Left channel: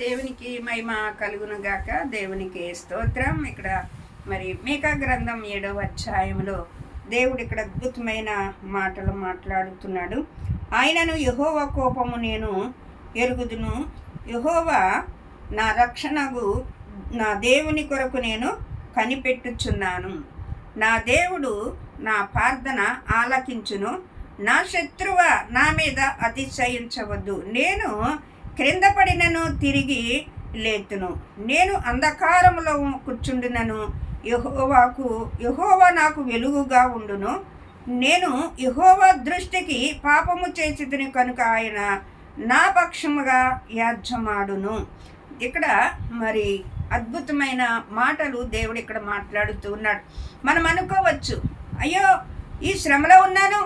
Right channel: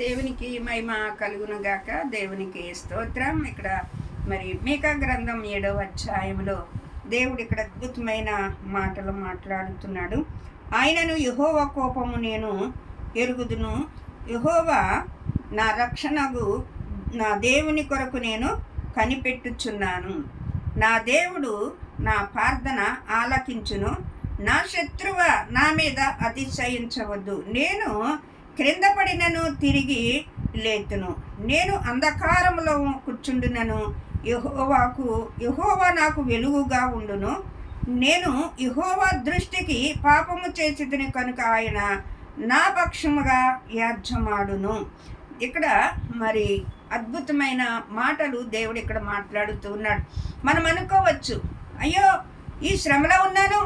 దేవునికి మహిమ కలుగును గాక. దేవునికి స్తోత్రం. ఇక్కడ మరి మీకా గ్రంథం 7వ అధ్యాయంలో దేవుడు ఇక్కడ అద్భుతమైన మాటలు మాట్లాడుతున్నాడు. ఆయనను యెహోవా కోపము నేను ఎరుగుదును, యెహోవా నా రక్షణకు నా దేవుని కొరకు నేను కనిపెట్టుచున్నాను. నా దేవుడు నా ప్రార్థన ఆలకించును. నా శత్రువ నా మీద అతిశయించవద్దు. నేను క్రింద పడినను తిరిగి లేతును. నేను అంధకారములో కూర్చుండునను, యెహోవా నాకు వెలుగుగా ఉండును. నేను యెహోవా దృష్టికి పాపము చేసితిని కనుక ఆయన నా పక్షముగా యాజ్యమాడును. ఇక్కడ మరి అద్భుతమైన మాటలు దేవుడు ఇక్కడ మాట్లాడుతూ ఉన్నాడు. మనం అనుకోవచ్చు, అయ్యో ఈ శ్రమలో ఉన్నాను,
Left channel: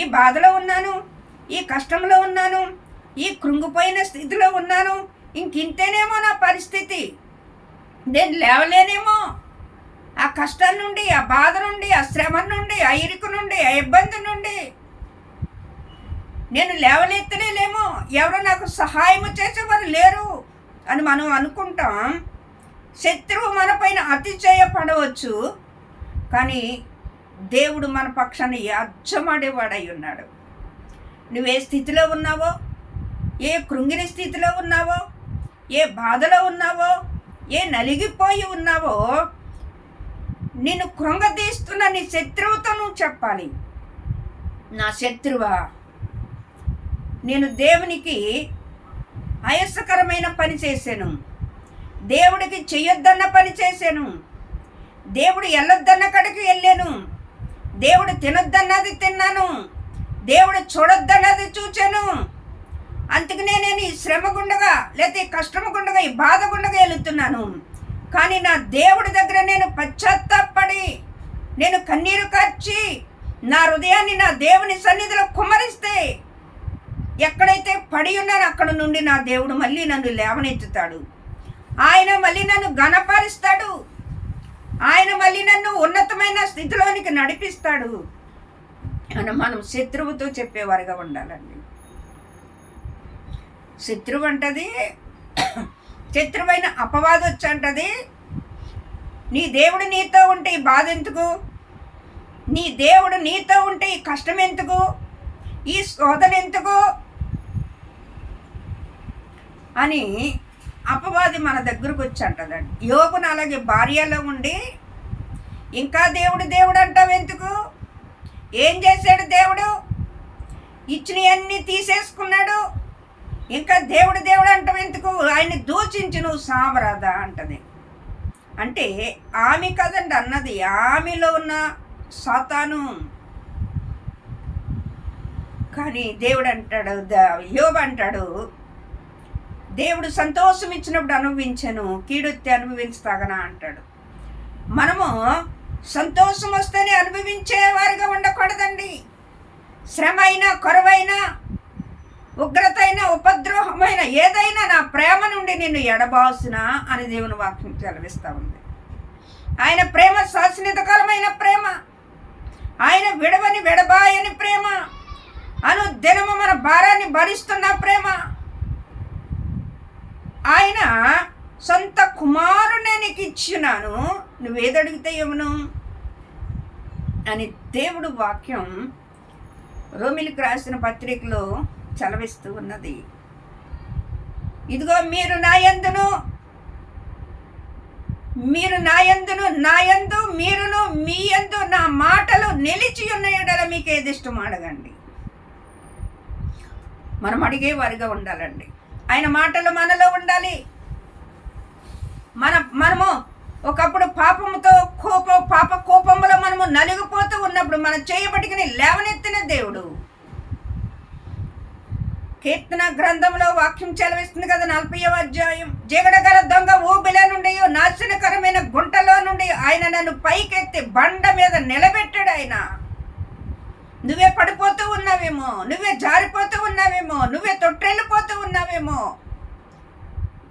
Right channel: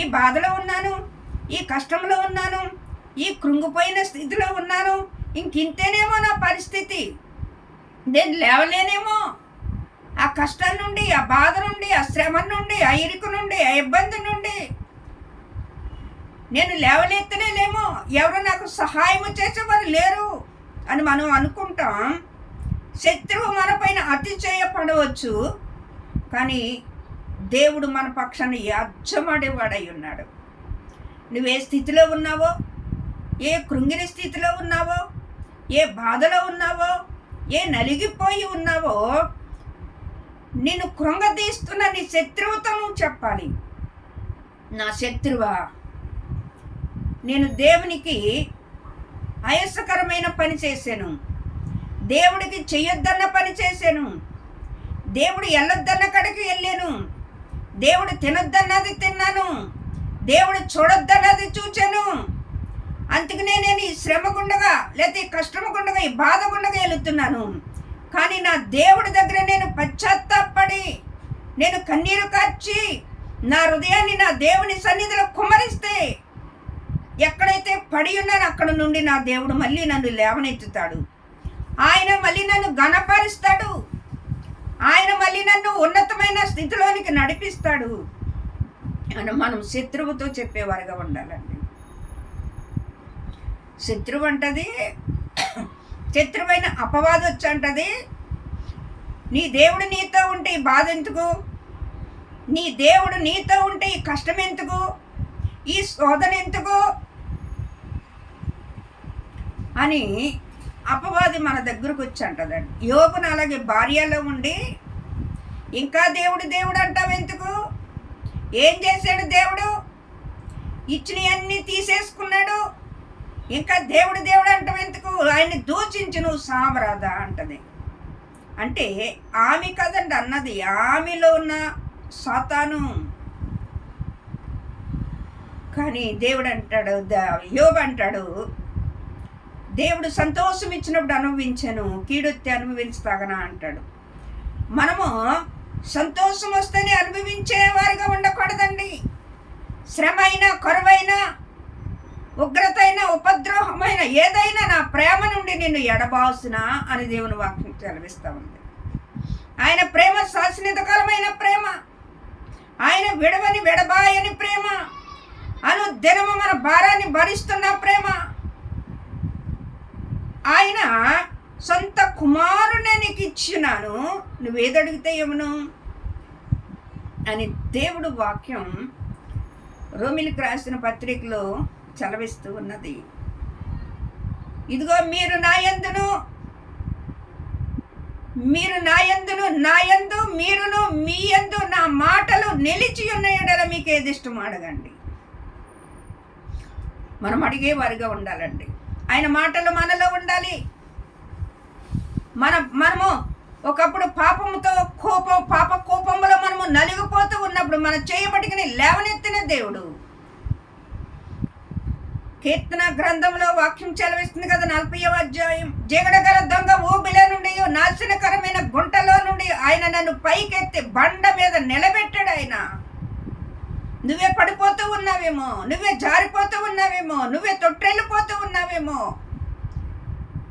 ఈ బాధలో ఉన్నాను, ఈ కష్టంలో ఉన్నాను, ఈ కృంగిపోయిన స్థితిలో ఉన్నాను, ఇంకింతేనేమో నా పరిస్థితి, నేను లేవలేనేమో, ఆ కష్టం నుండి, ఆ బాధ నుండి, ఆ శ్రమ నుండి, ఆ ఇరుకు నుండి, ఆ ఇబ్బంది నుండి నేను లేవనెత్తలేమో, ఎవరు నాకు సహాయము చేసేవారు లేరు అని మనం అనుకుంటాం. శత్రువు మన పైన అతిశయపడవచ్చు, కానీ దేవుడు మన పక్షాన్ని యాజ్యమాడేవాడై ఉన్నాడు. నువ్వే స్థితిలో ఉన్నావో, ఏ కృంగిన స్థితిలో ఉన్నావో, ఏ బాధలో ఉన్నావో, ఏ నలిగిపోయి ఉన్నావో, నిన్ను కృంగదీస్తున్న నీ శత్రువుతో నువ్వు చెప్పాలి, నా శత్రువా, నేను దేవునికి అయస్కరమైన పని చేశాను, దేవుడికి చెయ్యొద్దన్న పని చేశాను, దేవుడు వెళ్ళొద్దన్న కడికి వెళ్ళాను, దేవుడు తినొద్దన్నది తిన్నాను, దేవుడు చూడొద్దన్నది చూచాను. అందుకనే నేను ఈ శ్రమ గుండగా, లేకపోతే ఈ కష్టము గుండగా, ఈ బాధ గుండగా వెళుతున్నాను. కానీ నా దేవుడి దగ్గర నేను పశ్చాత్తాపడి, నేను కన్నీరు కార్చి, నా హృదయాన్ని నా దేవుని సన్నిధిలో కుమ్మరిస్తే, ఎక్కడైతే పడి ఉన్నానో అక్కడ నుండి నా దేవుడు మళ్ళీ నన్ను లేవనెత్తుతాడు. ఆయన మళ్ళీ నన్ను ఘనపరుస్తాడు. ఆయన మళ్ళీ నన్ను ఉన్నతమైన స్థితిలోనికి నడిపిస్తాడు అని మనం శత్రువుతో చెప్పేవారుగా ఉండాలండి. శత్రువు అంటది, శత్రువైన అపవాది వచ్చి అంటది, నీ దేవుడు నీతో ఉంటే ఈ బాధ ఎందుకు, నీ దేవుడు నీతో ఉంటే ఈ కష్టం ఎందుకు, ఈ శోధన ఎందుకు అని అపవాది మన దగ్గరకు వచ్చి అంటదండి. యోబును అలాగే భార్యలో ఉండి, ఇంకా దేవుడు అంటావు ఎందుకు, ఏం చేశాడు దేవుడు, ఇచ్చినవన్నీ తీసేసుకున్నాడు, ఇంకా దేవుడు అంటావు ఎందుకు, ఆయన్ని దూషించి నువ్వు సామరాదా అంటది. అంటే ఆమె కదండి అన్నది, ఆమెలో ఉన్న సాతాను. కానీ దేవుడు అంటాడు, యోబు అంటాడు, దేవుడు సంతోషం ఇచ్చినప్పుడు అనుభవించను, కీడొత్తి అనుభవించతాగనా అంటాడు. మనము సంతోషం వస్తేనే అనుభవించేవారుగా ఉండకూడదండి. శ్రమ అయినా, కొరవైనా, ఉగ్రత అయినా, ఉపద్రోహమైన ఏదైనా నా ప్రేమ నుండి నిన్ను ఎడబాసునా అని దేవుని వాక్యం సెలవిస్తూ ఉంది. ఆయన ప్రేమ శాశ్వతకాలమైన ప్రేమ, ఆయన విడవని విడబాయని ప్రేమ, అనుదినము మన భారాన్ని భరిస్తున్న ప్రేమ. ఆయన సొంత కుమారునే నీకు ఇచ్చినాను, నువ్వేదడిగితే ఏమను అని దేవుడు వాక్యం రోమిలికి రాసిన పత్రికలో చలవిస్తూ ఉన్నది. ఇదిగో మీరు నా యందును మీరును మీ యందు నా మాటలు నిలిచి ఉన్న ఎడల మీకు ఏది ఇష్టం అడగండి. మనం అడిగేవారిగా ఉండాలండి. ఆయన మాటలు మనలో ఉండాలి. మనము ఒకప్పుడు పాపముతో పాప కోపంలో మనము నలిగిపోతూ ఉన్నప్పుడు మన చేయబడికని లేవనెత్తిన దేవుడు. కీర్తన గ్రంథంలో వాక్యం చెలవిస్తుంది కదా, 40వ అధ్యాయం, జిగడగల దొంగ ఊబిల నుండి, నాశనకరమైన గుంటలో నుండి ఆయన నన్ను పైకెత్తి బండ మీద నిలబెట్టాడు. ఆయన నువ్వే పడిపోతూ ఉన్నావేమో, నువ్వే జారిపోతూ ఉన్నావేమో, నువ్వే తొట్టెళ్ళిపోతూ ఉన్నావేమో,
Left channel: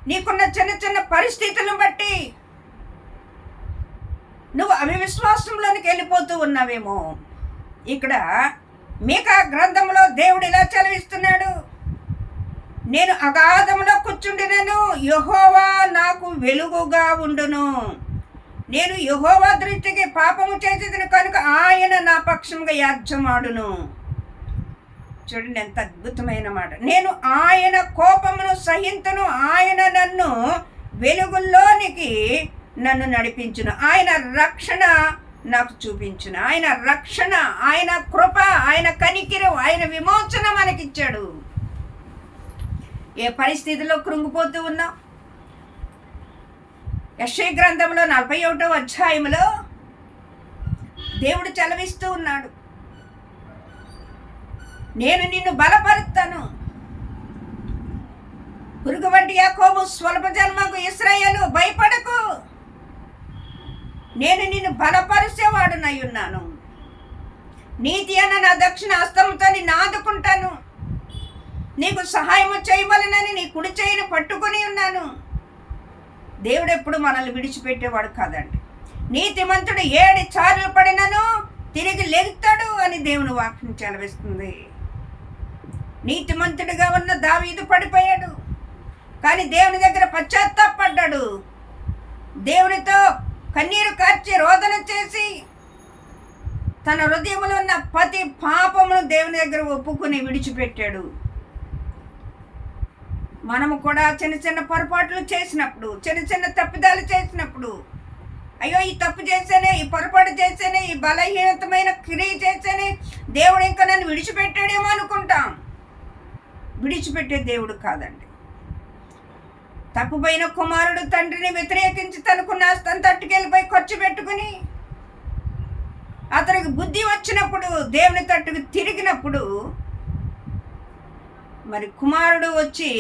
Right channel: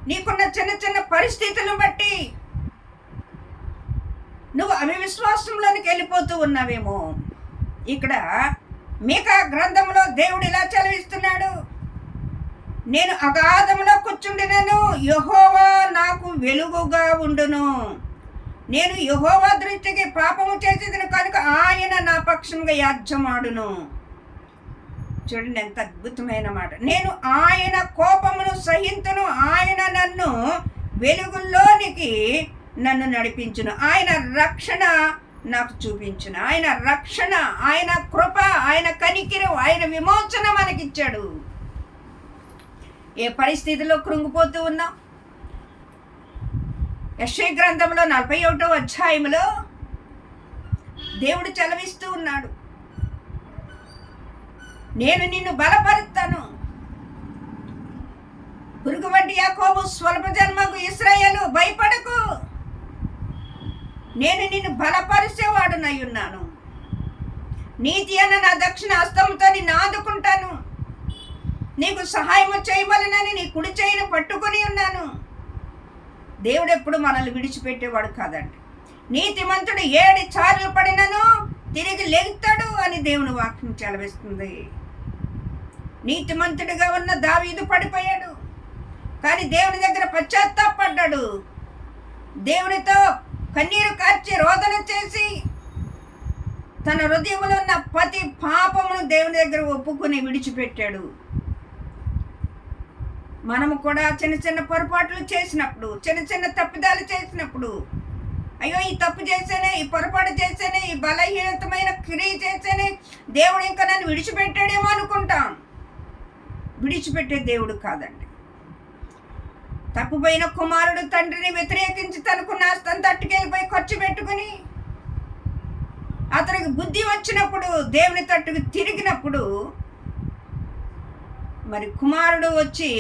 నీకున్న చిన్న చిన్న పరిస్థితులను బట్టి నువ్వు అవిశ్వాసంలోనికి వెళ్ళిపోతూ ఉన్నావేమో. ఇక్కడ మీకా గ్రంథంలో దేవుడు ఇలా చదివిస్తున్నాడు, నేను అగాధంలో కూర్చుండినను, యెహోవా నాకు వెలుగుగా ఉండును. నేను యెహోవా దృష్టికి పాపము చేసేదిను కనుక ఆయన నా పక్షంగా యాజ్యమాడును. చూడండి ఎంత అద్భుతమైన మాట. నేను ఆయన కోపమును సహింతును, ఆయన నన్ను వెలుగుల్లోనికి నన్ను నడిపించును, ఆయన రక్షణ నాకు చూపించును. ఆయన రక్షణ, ఆయన కృప, ఆయన కనికిరు, ఆయన విమోచన మనకిచ్చాడు. ఏ పరిస్థితిలో కృంగిపోతూ ఉన్నాం? యెషయా గ్రంథంలో 41వ అధ్యాయంలో దేవుడు చలవిస్తూ ఉన్నాడు, నేను నిన్ను బలపరుస్తాను. పురుగు వంటి యాకోబు, స్వల్ప జన్మకు ఇశ్రాయేలు, భయపడకు, నేను నిన్ను బలపరిచేవాడునై ఉన్నాను. నీతి అన్న నా దక్షిణ హస్తంతో నిన్ను ఆదుకుంటాను. నీకు సహాయము చేయవలనని నీ కుడి చేయిని పట్టుకుని ఉన్నాను. దేవుడు ఎప్పుడు మనల్ని విడిచిపెట్టేవాడు కాదండి. నీతిమంతుడు 7 సార్లు పడినను తిరిగి లెగుతాడు అని దేవుని వాక్యం చెలవిస్తుంది. నీతిమంతుడిగా ఉన్న దావీదు పడిపోయాడు, కానీ దేవుని దగ్గర పశ్చాత్తాపడ్డాడు. దేవునితో కన్నీరు కార్చి రోదన చేసి తన హృదయంలో ఉన్న ప్రతి పాపమును దేవుని దగ్గర ఒప్పుకుని విడిచిపెట్టాడు. మనము కూడా చిన్న చిన్న పొరపాట్లు చేసినప్పుడు, చిన్న చిన్న తప్పిదాలు చేసినప్పుడు, అయ్యో ఈ తప్పు చేసేనే, ఈ పొరపాటు చేసేనే, ఈ బలహీనతమైన క్రియ చేసేనే దేవుడు ఇంకా నన్ను విడిచిపెట్టాడేమో అనుకుంటాం. విడిచిపెట్టే దేవుడు కాదండి. తప్పుపోయిన కుమారుడు తండ్రిని వ్యతిరేకించి తనకున్న ఆస్తంతా తట్టుకెళ్ళిపోయి ఖర్చు పెట్టుకుని అతనికి బుద్ధి వచ్చినప్పుడు దేవుని తట్టుకు తిరిగినప్పుడు మరి కుమారుడు వచ్చి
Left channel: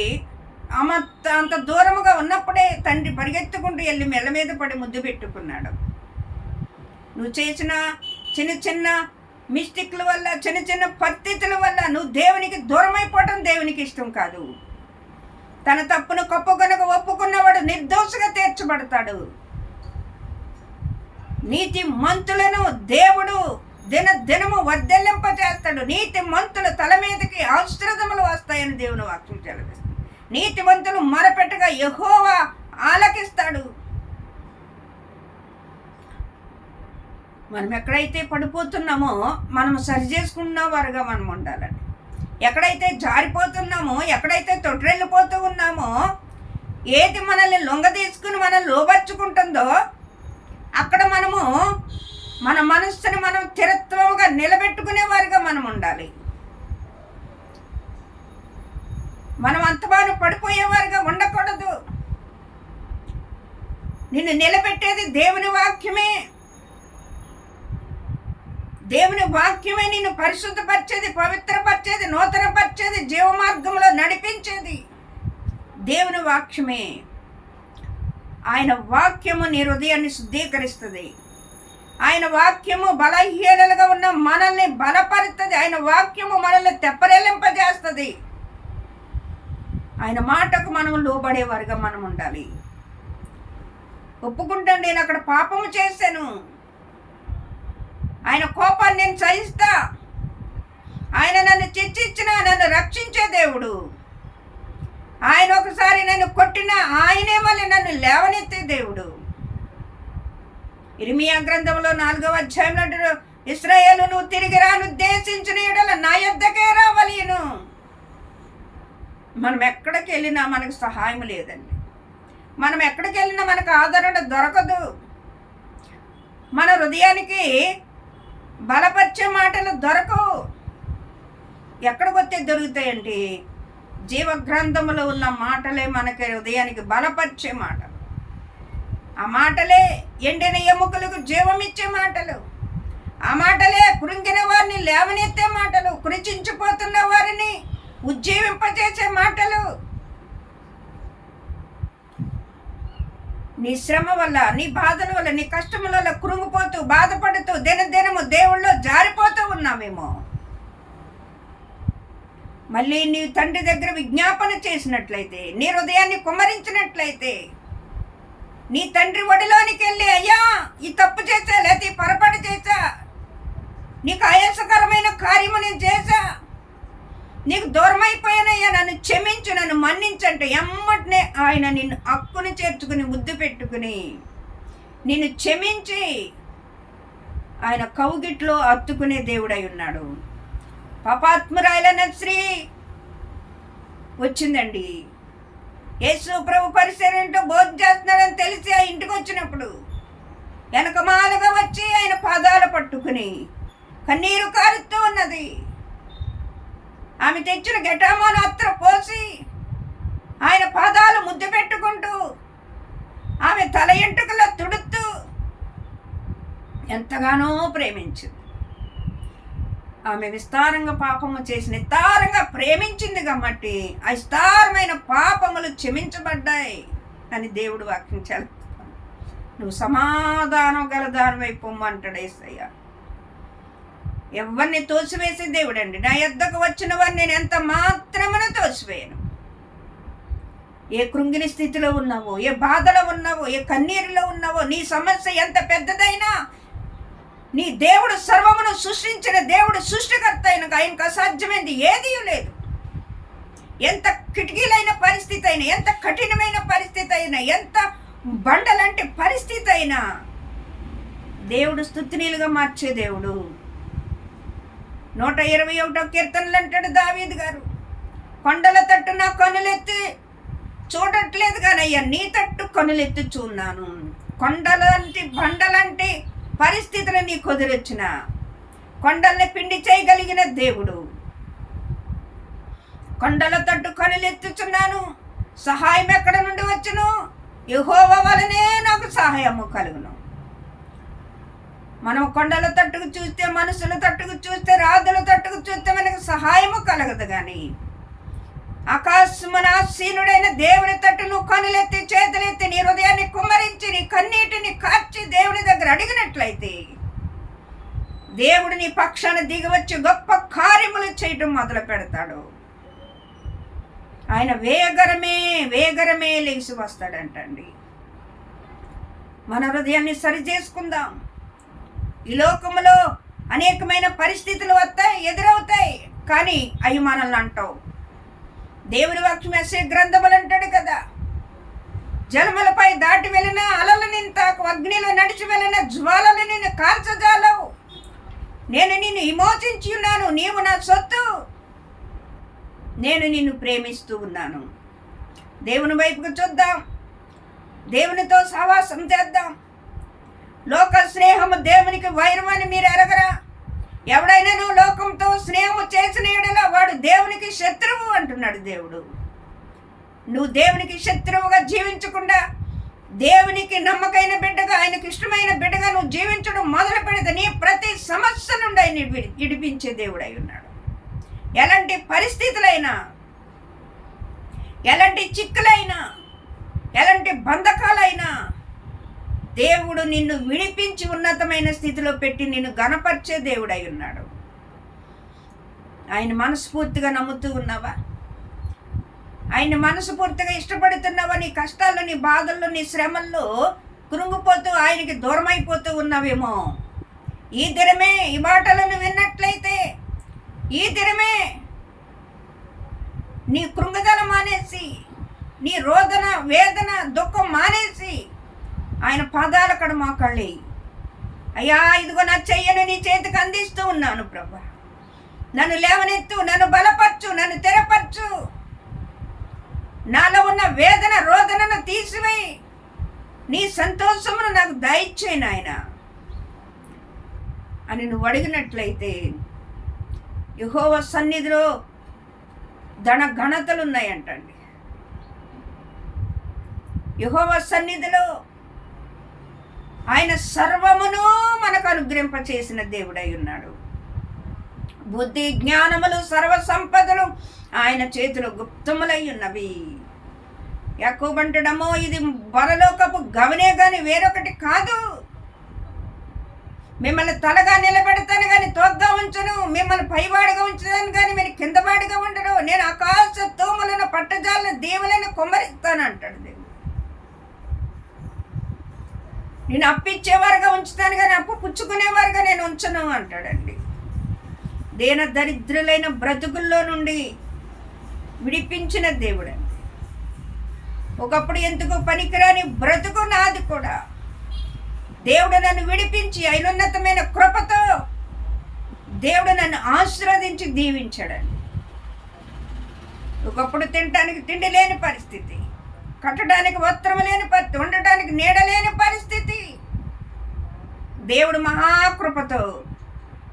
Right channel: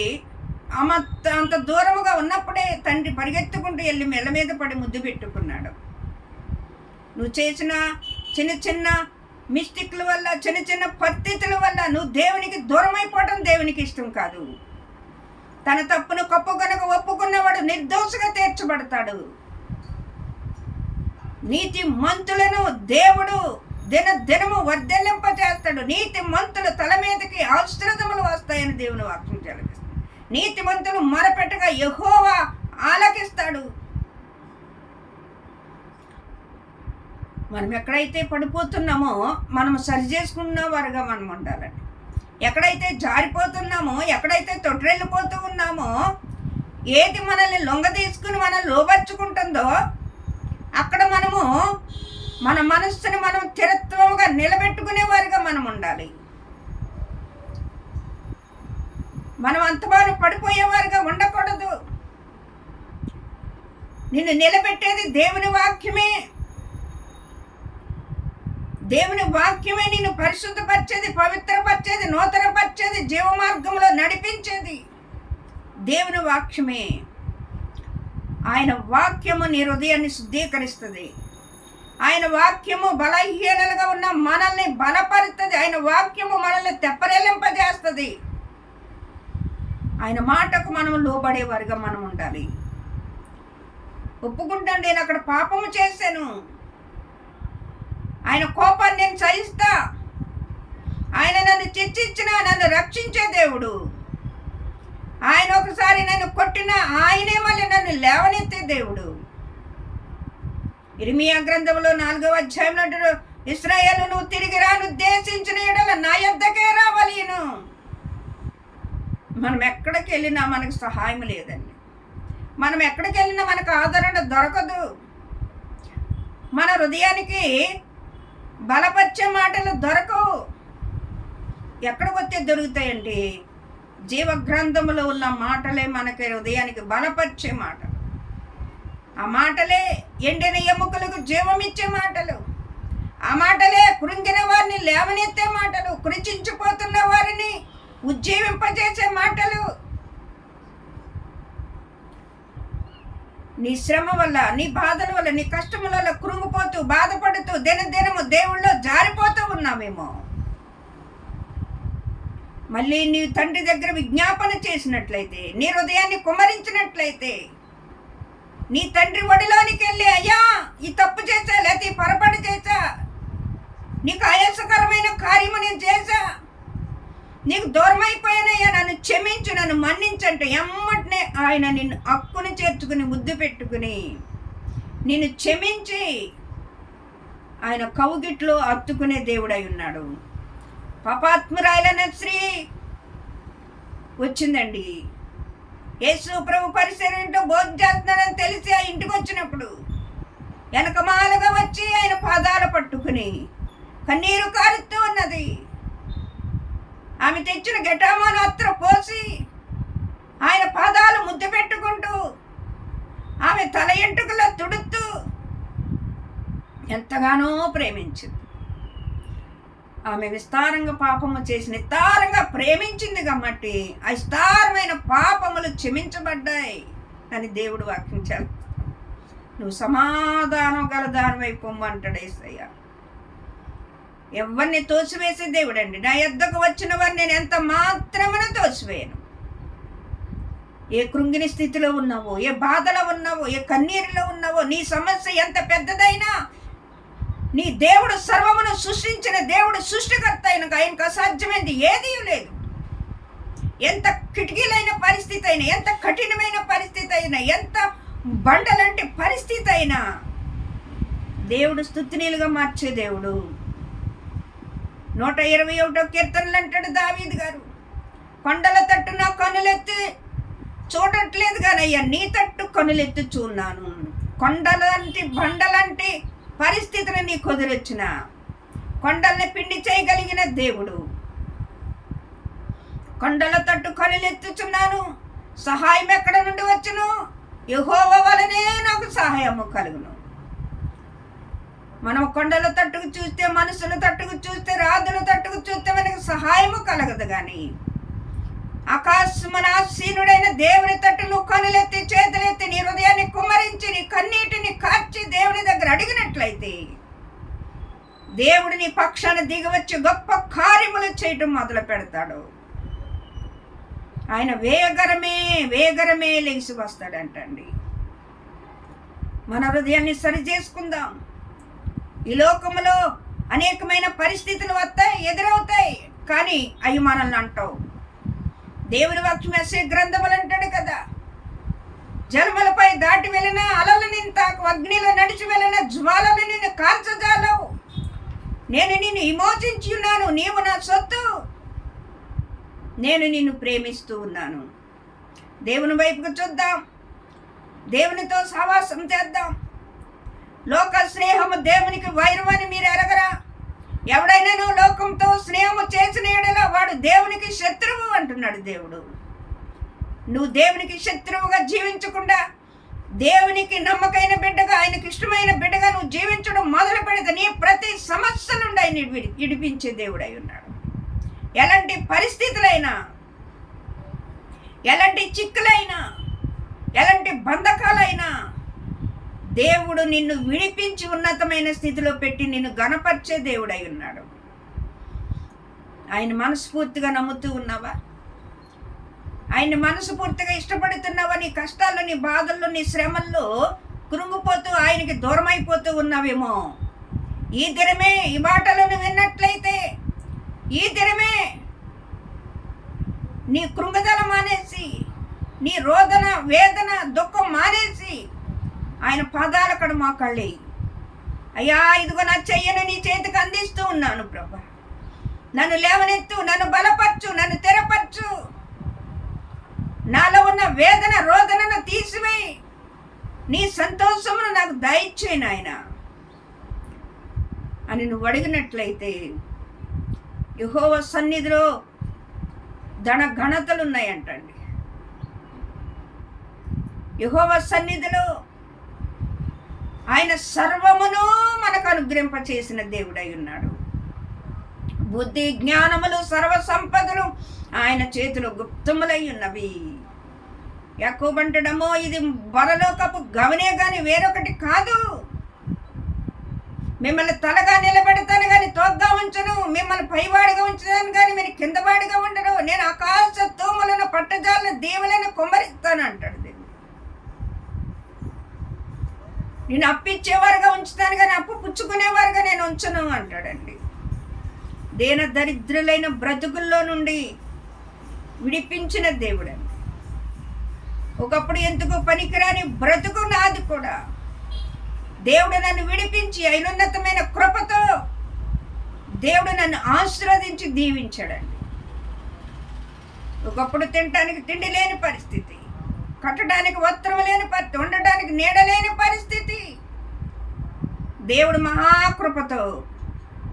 అంత దూరముగా ఉన్నప్పుడే తండ్రి పరిగెత్తుకుంటూ వెళ్ళి మెల్ల మీద పడి ముద్దు పెట్టుకున్నాడు. నువ్వు చేసిన చిన్న చిన్న మిస్టేక్ల వల్ల, చిన్న చిన్న పరిస్థితుల వల్ల నువ్వు దేవునికి దూరమైపోవడం దేవునికి ఇష్టం కాదు. తన తప్పును కప్పుకొనక ఒప్పుకున్నవాడు నిర్దోషగా తీర్చబడతాడు. నీతి మంతులను దేవుడు దినము వర్ధలింపజేస్తాడు. నీతి మంతుల తల మీదకి ఆశీర్వాదములు వస్తాయని దేవుని వాక్యం చెలవిస్తుంది. నీతి మంతులు మొరపెట్టగా యెహోవా ఆలకిస్తాడు. మనం ఎక్కడైతే పడిపోతున్నామో మనం సరి చేసుకున్న వారుగా మనం ఉండాలండి. ఎక్కడైతే జారిపోతున్నామో, ఎక్కడైతే తొట్రెళ్ళిపోతూ ఉన్నామో, ఏది మనల్ని లొంగ తీసుకుని మనల్ని లోబర్చుకుంటుందో అక్కడ మనము మన మనస్సుని మనం స్థిరత్వముగా నిలబెట్టుకునే వారిగా మనం ఉండాలి. మనం అంతమాను పడిపోయేవారుగా ఉండకూడదు. నిన్ను నిలబెట్టేది దేవుని వాక్యమే. దేవుని వాక్యమే నిన్ను పరిశుద్ధపరిచేది, పవిత్రపరిచేది, నూతనపరిచేది, జీవ మార్గంలో నడిపించేది దేవుని వాక్యమే. ఆయన వాక్యము నీ హృదయాన్ని శుద్ధీకరిస్తుంది. ఆయన వాక్యము బలహీనలుగా ఉన్న మనల్ని బలపరుస్తుంది. ఆయన వాక్యము మనల్ని తెప్పరెల్లింపజేస్తుంది. ఆయన మాటకు మనం లోబడేవారుగా మనం ఉండాలి. ఒప్పుకుంటాను, నేను అక్కడ పాపము చేశాను, ఆయన కోపాన్ని నేను సహిస్తా, ఆయన నన్ను శిక్షించిన, నన్ను రక్షించే దేవుడు. ఆయన ఒకసారి నన్ను కొట్టినా ఆయనే మళ్ళీ నన్ను లేవనెత్తే దేవుడు. ఇర్మియా గ్రంథంలో 4వ అధ్యాయంలో అంటాడు, ఇశ్రాయేలు నువ్వు తిరిగి రానుద్దేశించిన యెడల నా యొద్దకే రావలెను. మనం ఎక్కడికి వెళ్ళినా మనకు సహాయం లేదండి. మనం ఎక్కడికి వెళ్ళినా మనకు ఆదరణ దొరకదు. మన హృదయానికి బలపరిచే మాటలు దొరకవు. ఎక్కడికి వస్తే దొరుకుతాయండి? జీవ గ్రంథంలో ఉన్న మాటలే మనకి హృదయానికి బలపరిచే మాటలు. ఆ మాటలే ఎండిన ఎముకలకు జీవమిచ్చే మాటలు. ఆ మాటలే కృంగిన వారిని లేవనెత్తే మాటలు, కృషించిపోతున్న వారిని ఉజ్జీవింపజేసే మాటలు. నీ శ్రమ వల్ల, నీ బాధల వల్ల, నీ కష్టముల వల్ల కృంగిపోతూ బాధపడుతూ దినదినము దేవుళ్ళో జారిపోతూ ఉన్నామేమో. మళ్ళీ నీ తండ్రి దగ్గర విజ్ఞాపన చేసినట్లయితే, నీ హృదయాన్ని కుమ్మరించినట్లయితే, నీ తండ్రి ఒడిలోనికి వెళ్ళి, అయ్యా ఈ తప్పు చేశా, లేకపోతే ఈ పొరపాటు చేశా, నీకు ఆయాసకరమైన కార్యము నేను చేశా, నీకు దూరం అయిపోయానయ్యా, నన్ను క్షమించు, నన్ను మన్నించంటే ఎమ్మటనే ఆయన నిన్ను హక్కుని చేర్చుకుని ముద్దు పెట్టుకుని నిన్ను క్షమించి ఆయన కౌగిట్లో అత్తుకునే దేవుడై ఉన్నాడు. పాపాత్మురాలైన స్త్రీ వచ్చిందండి. యేసు ప్రభు పరిసరంటూ భోజనం చేస్తున్నాడని తెలిసి ఆ ఇంటికి వచ్చినప్పుడు వెనకమాలుగా వచ్చి ఆయన పాదాలు పట్టుకుని కన్నీరు కారుతూ ఉన్నది. ఆమె తెచ్చిన గెటామాను అత్ర పోసి ఆయన పాదాలు ముద్దు పెట్టుకుంటూ ఆమె తల ఎంట్రుకలో తుడుతూ ఎంతగానో ప్రేమించింది. ఆమె విస్తారంగా పాపము చేసి నిస్తారంగా ప్రేమించింది కాబట్టి ఆ విస్తారమైన పాపములు క్షమించబడ్డాయి అని దేవుడు వాక్యించాలి. నువ్వు సమాధానం గల దానివై పొమ్మంటాడు యేసయ్య. ఎవరిని తోసివేసే దేవుడండి. నా యొద్దకు వచ్చిన వారిని నేను ఎంత మాత్రమున తోసివేయను. ఏ కృంగిని స్థితిలో ఉన్నావో, ఏ బాధలో ఉన్నావో, ఏ కన్నీరులో ఉన్నావో, నీ సమస్య ఎంత పెద్దదైనా నీ దేవుడు సర్వమును సృష్టించిన దేవుడు సృష్టికర్త అయిన ఆయనకు అసాధ్యమైనది ఏదీ లేదు. ఎంత కిటికీలైన పరిస్థితి అయినా, ఎంత కఠినమైన పరిస్థితి అయినా, ఎంత బండలంటి పరిస్థితి అయినా దేవుడు స్తుతినీలుగా మార్చే దేవుడు. 121వ కీర్తనలు అంటాడు దావీదు గారు, కొండల తట్టు నా కనులెత్తి చూడట్లేదు కానయ్యా, నీ తట్టు కనులెత్తి చూన్నాను. కొండలంటి బండలంటి పరిస్థితులు నీ కుదిరొచ్చిన కొండల్ని పిండి చేయగలిగిన దేవుడు. కొండల తట్టు కనులెత్తుచున్నాను, సహాయం ఎక్కడ నుండి వచ్చును? యెహోవా వలనే నాకు సహాయము కలుగును. మనం కొండల తట్టుకు చూస్తే, మనుషుల తట్టుకు చూస్తే, రాజుల తట్టుకు చూస్తే మనకు సహాయము కలగదు. కానీ ఆకాశమున ఆసీనుడైన దేవుని తట్టు నువ్వు కనులెత్తి చేతులెత్తి నీ హృదయాన్ని కుమ్మరించి నీ కన్నీటిని కార్చి దేవుని దగ్గర అడిగినట్లయితే దేవుడు నీ పక్షాన దిగివచ్చి గొప్ప కార్యములు చేయటం మొదలు పెడతాడు. ఆయన వేగరమే లేచి వస్తాడంటండి. మన హృదయాన్ని సరి చేసుకుందాం. ఈ లోకములో అనేకమైన పరిస్థితులు వస్తాయి, ఎదురవుతాయి, కానీ అవి మనల్ని అంటావు. దేవుని వాక్యం వేసే గ్రంథములు అంటాడు కదా, జలములపై దాటి వెళ్ళిన అలలు నిన్ను తాకు, అగ్నిలో నడిచి వెళ్ళిన జ్వాలలు నిన్ను కాల్చజాలవు. నేను నిన్ను విమోచించి ఉన్నాను, నీవు నా సొత్తు, నేను నిన్ను ప్రేమిస్తూ ఉన్నాను. దేవుని వైపుకు చూద్దాం, దేవునితో సహవాసం చేద్దాం. లోక స్నేహము దేవునికి వైరమని మీరు ఎరగరా? ఎవడైనా నువ్వు లోకంతో స్నేహము చేసిన యెడల వాడు దేవునికి శత్రువు అంటున్నాడు దేవుడు. నువ్వు దేవునికి శత్రువుగా జీవించకుండా దేవునికి నమ్మకైన బిడ్డగా, ఆయనకు ఇష్టమైన బిడ్డగా నువ్వు జీవించడం మొదలు పెడితే నీ ప్రతి సమస్య నుండి ఆయన విడిపించే దేవుడై ఉన్నాడు. ఎలాంటి పరిస్థితులైనా, ఎలాంటి చిక్కులైనా, ఎలాంటి బంధకాలైనా దేవుడు నిన్ను విడిపించి ఉన్నతమైన స్థితిలో పెట్టి నిన్ను గణపరిచే దేవుడై ఉన్నాడు. ఆయన మనస్ఫూర్తిగా నమ్ముతూ ఉన్నావా? ఆయన మనస్ఫూర్తిగా ఇష్టపడుతున్నావా? నీ కష్టాల్లో, నీ బాధల్లో, నీ శ్రమల్లో కృంగిపోతూ ఆయనకి దూరం అయిపోతూ ఉన్నావేమో. ఈ దినమే ఈ మాటలను విన్నట్లయితే, ఈ దినమే నీ కృంగుదల మానేసి, నీ రోదన, వేదన, దుఃఖం మానేసి ఆయన పాదాల కడ మోకాళ్ళి, అయ్యా ఇదిగో నా చెయ్యను నీ చేతికి అందిస్తూ ఉన్నాను ప్రభా, నన్ను లేవనెత్తు, నన్ను బలపరచు, నన్ను తెరపరచు, నాలో ఉన్న వేదన రోదనను తీసివేయి, నీ సంతోషమును నాకు దయచేయి నాయన అని నువ్వు అడిగినట్లయితే యెహోవా సన్నిధిలో ఘనతలు ఉన్నాయంటండి. యెహోవా సన్నిధిలో ఆయన సర్వమును మనకు అనుగ్రహింపచేసిన దేవుడై ఉన్నాడు. బుద్ధి జ్ఞానములు సర్వ సంపదలు ఆయన చేతిలో గుప్తములై ఉన్నవి. యాకోబంటడమో ఇది పరలోకపు గమనే కానీ వేరొకటి కాదు. మిమ్మల్ని తలగా నిలబెడతాను కానీ తోగ్గా ఉంచను, మిమ్మల్ని పైవాడిగా ఉంచుతాను కానీ మీరు కిందవాడిగా ఉండరు. నేను ఆకాశ తూములను పట్టజాలను దేవులను కుమ్మరిస్తాను అంటాడు దేవుడు. నేను అప్పిచ్చేవారుగా ఉంచుతాను కానీ అప్పు పుచ్చుకునేవారుగా నేను ఉంచను అంటాడండి. దీన దరిద్రులైన బ్రతుకుల్లో నుండి విడిపించిన దేవుడండి. ఒకప్పుడు ఎందుకు పనికిరాని బ్రతుకు నాది కూడా దేవుడు నన్ను విడిపించి అయినోన్నతమైన కృపతో దేవుడు నన్ను ఆశీర్వదించి దీవించాడండి. ఒకప్పుడు తినటానికి తిండి లేని పరిస్థితి, కట్టడానికి వస్త్రం లేని పరిస్థితి, ఉండటానికి నీడ లేని పరిస్థితి. దేవుడు మహాకృపతో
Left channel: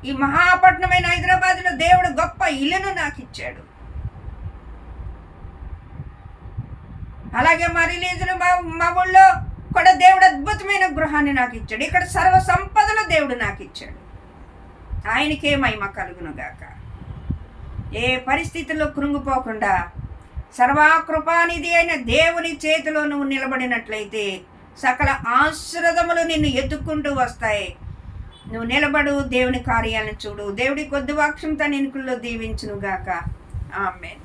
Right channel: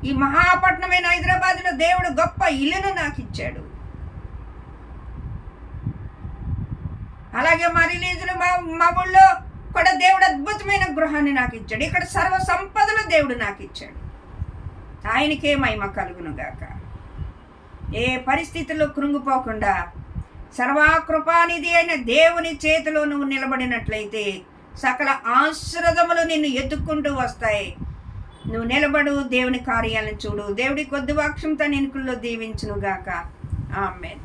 ఈ మహాపట్నమైన హైదరాబాద్లో దేవుడు గొప్ప ఇల్లును నాకు ఇచ్చాడు. అలాగే మా రిలీజులు మా ఊళ్ళో కూడా దేవుడు అద్భుతమైన గృహాన్ని నాకు ఇచ్చాడు. ఇక్కడ సర్వ సంపదలు దేవుడు నాకు ఇచ్చాడు. ఆయనకే మహిమ కలుగును గాక. ఏ పరిస్థితుల్లో కృంగిపోకుండా సర్వకృపానిధి అయిన దేవుని చేతిలో నువ్వు నిలబడినట్లయితే సకల ఆశీర్వాదములు నిన్ను ఎత్తుక్కుంటూ వస్తాయి. నువ్వు నిలబడు, దేవుని కార్యాలను చూడు. దేవుడి కొద్ది వాక్యంతో నిన్నుకుల్లో దీవించును గాక. ఆమేన్.